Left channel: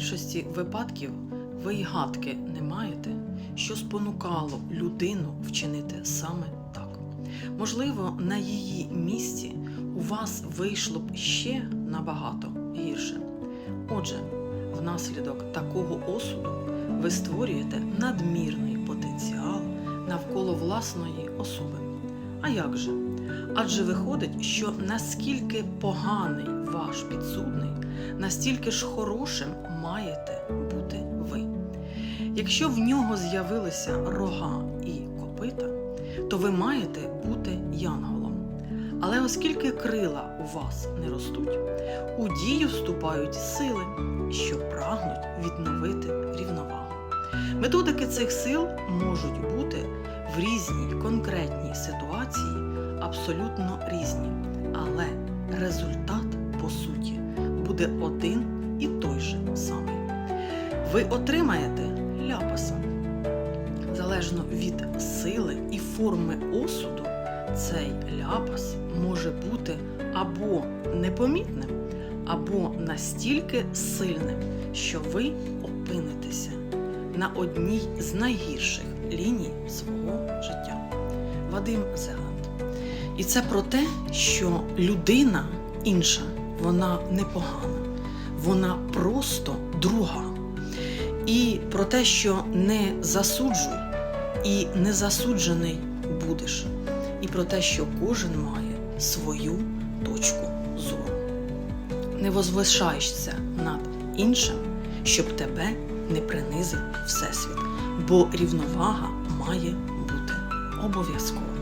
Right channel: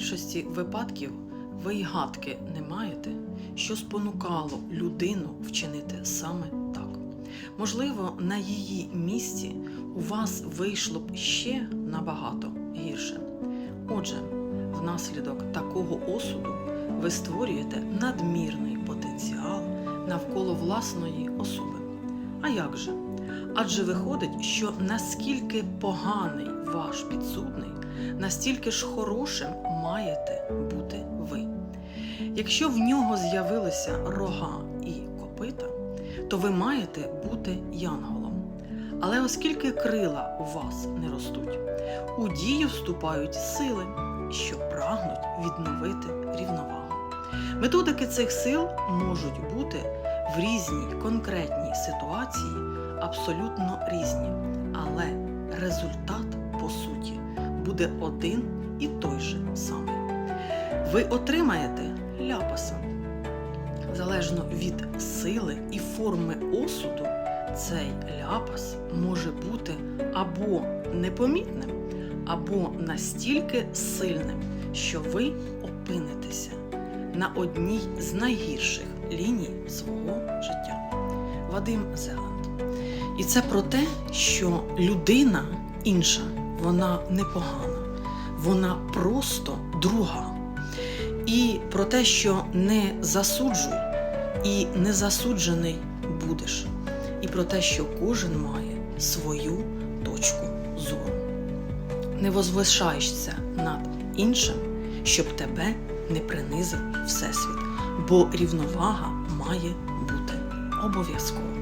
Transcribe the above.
більшості випадків ви й гадки не маєте, що спонукало людину вчинити саме так. Можливо, на її місці у вас вийшло б ще набагато гірше. Отже, внаслідок такого осуду ви створюєте надмірний потенціал навколо власної особи. А як же? Адже виходить, що наскільки поганий ваш підсудний, настільки ж хорошим маєте бути ви. Якщо в нього з'явилися рога і копита, то ви маєте бути янголом. Але оскільки крила у вас не ростуть, у дію вступають сили, що прагнуть відновити рівновагу. Методики цих сил можуть бути в різній конкретній ситуації абсолютно різні, але результат, по суті, буде один і той же самий. Ви отримаєте ляпаса. Залежно від сили і форми осуду, цей ляпас може бути або непомітним, або настільки сильним, що ви опинитеся на одній з найгірших ліній свого життя. Вадим Зеланд. І це про те, що людина інша, вона не погана, вона просто друга. І про те, що не засуджуй і не засуджений будеш. І про те, що кожен має свою точку зору. Не возвишаєшся над іншим, щоб тебе не принизив Всесвіт, бо рівновага має бути обов'язково.